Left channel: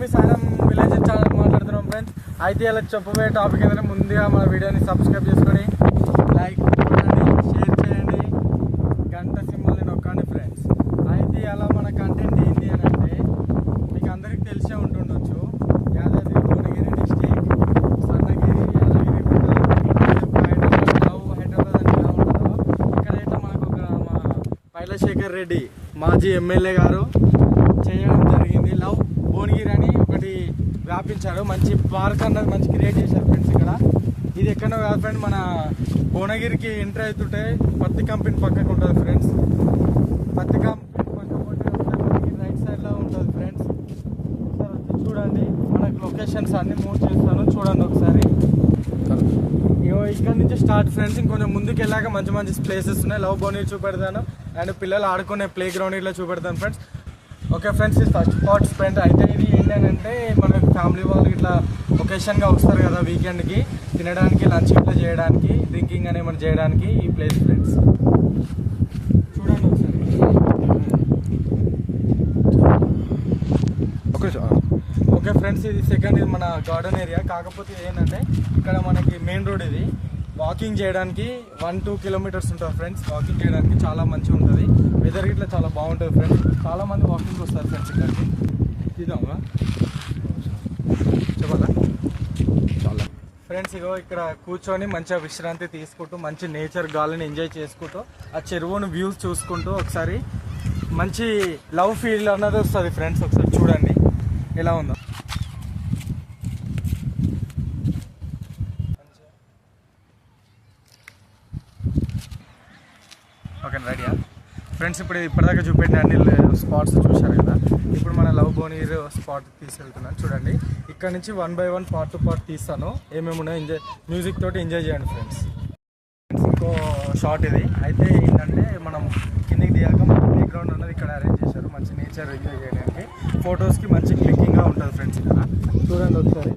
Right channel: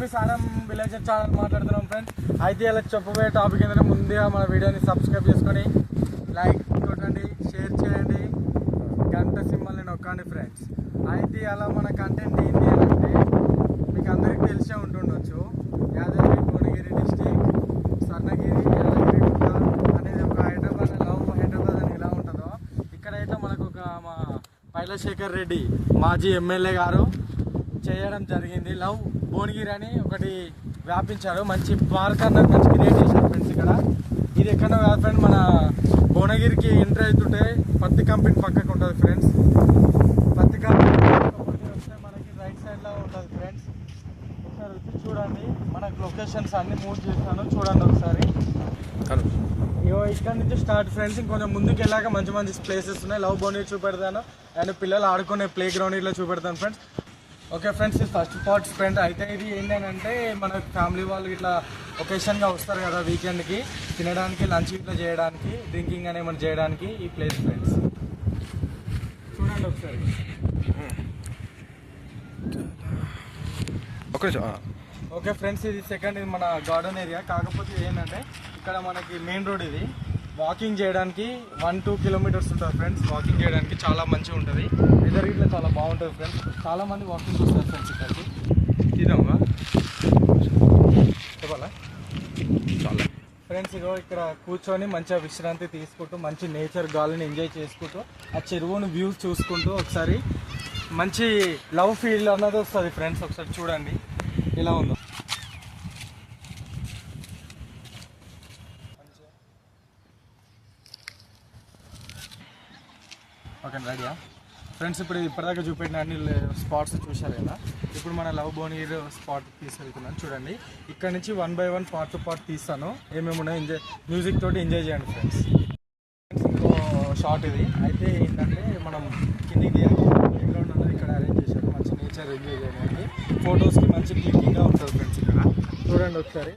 మీ సారం village channel మాట్లాడుతున్నాం friends. అయితే ఇలా చెప్పబోయే టాపిక్ ఏంటంటే ముందుగా మన వీడియోని సబ్స్క్రైబ్ చేసుకొని లైక్ కొట్టండి, షేర్ చేయండి, గంట సింబల్ని నొక్కండి ఫ్రెండ్స్. అయితే అలా మన కంటెంట్ ఏంటి అని అంటే మీకు అందరికీ తెలిసే ఉంటుండొచ్చు, యాదాద్రి భువనగిరి డిస్టిక్ సన్నగిరి యాదగిరి హైదరాబాద్ అని ఎలా ఉంటుందో ఇక్కడైతే మనకు ఒక మా పైలశేఖర్ రెడ్డి మాజీ ఎమ్మెల్యే గారు చేయడం జరిగింది. లవ్ భువనగిరి అని ఒకటి వ్యాపించారు, మంచి పార్క్ అన్నది మంచి క్రియేట్ చేశారు ఫ్రెండ్స్. ఇక్కడ ఇది ఎక్కడో కాదు ఫ్రెండ్, మన భువనగిరికి ఎంట్రీ అవుతుంటే పత్తి కంపెనీ పక్కకు ఉంటుంది ఫ్రెండ్స్. పత్తి కంపెనీ రైట్ సైడ్లో ఉంటుంది ఫ్రెండ్స్. చూడండి మనకు లొకేషన్స్ అన్ని మూవ్ చేస్తాను, చూడండి ఒకసారి. ఇక్కడ నుంచి స్టార్ట్ ఫ్రెండ్స్. ఇంకొంచెం ముందుకు వెళ్ళాక మంచి మంచి ప్లేసెస్ ఉన్నాయి. లవ్ భువనగిరి చూపెడతాను అండ్ పిల్లలు ఆడుకునే ప్లే గ్రౌండ్ ఇట్లా చూపెడతాను ఫ్రెండ్స్. ఓకే ఫ్రెండ్స్, ఇది ఫస్ట్ స్పాట్ ఫ్రెండ్. అయితే ఇది ఏంటంటే మన ఫ్యామిలీ వాళ్ళు ఇట్లా ఒకేషన్గా వస్తారు కదా వీకెండ్కి, తినడానికి లంచ్ ఇట్లా చేయడానికి, డ్రింకింగ్ అని ఏమైనా చేయడానికి ఈ ప్లేస్ ఫ్రెండ్స్. చూడండి ఒకసారి. ఓకే ఫ్రెండ్స్, ఇది సెకండ్, ఇది మన గార్డెన్ ఏరియా. కాకపోతే ఏంటంటే ఇక్కడ మనకి మెయిన్ రోడ్, ఇది వాకింగ్ చేయడానికి 1-2 కిలోమీటర్స్ ఉంటుంది ఫ్రెండ్స్. వాకింగ్ చేయడానికి చాలా మంచిగా ఉంటుంది. ఎదురు ఇట్లా చాలా బాగుంటుంది ఫ్రెండ్స్. చాలా మంది వాకింగ్ వస్తారు ఫ్రెండ్స్ ఇక్కడికి. ఇదమ్మా చెప్పాలా చాలా ఫ్రెండ్స్. ఇగో ఇక్కడ కూర్చొని మంచిగా విశ్రాంతి తీసుకుంటూ మంచి నేచర్ గాలిని ఎంజాయ్ చేసుకుంటూ ఆ చెరువును వ్యూస్ చూసుకుంటూ ఒకసారి మంచి లవ్ ఫీల్ అన్నది వస్తుంది ఫ్రెండ్స్. ఒకసారి చూడండి ఎలా ఉందో. ఓకే రెడీయా ఫ్రెండ్స్? ఇప్పుడు ఇప్పటిదాకా చూపెట్టే అన్ని స్పాట్స్ చూశారు కదా. ఇప్పుడు మన లవ్ భువనగిరి స్పాట్ తీసుకెళ్తున్నాను. చూడండి ఇక్కడ నుంచి 1 by 1 పార్ట్ టు పార్ట్ తీస్తాను. ఏమేమి ఉన్నాయో ఎంజాయ్, మ్యూజిక్ తోటి ఎంజాయ్ చేయండి ఫ్రెండ్స్. ఇంకో షార్ట్ ఇది. అయితే ఏంటంటే మనం కిందికి దిగాక ప్లే గ్రౌండ్ అన్నది ఇక్కడ అరేంజ్ చేశారు, మంచి నేచర్ ఎంజాయ్ చేయడానికి, ఫొటోస్కి మంచి క్లిక్కింగ్గా ఉంటుంది ఫ్రెండ్స్. ఇక్కడ చూడండి ఒకసారి.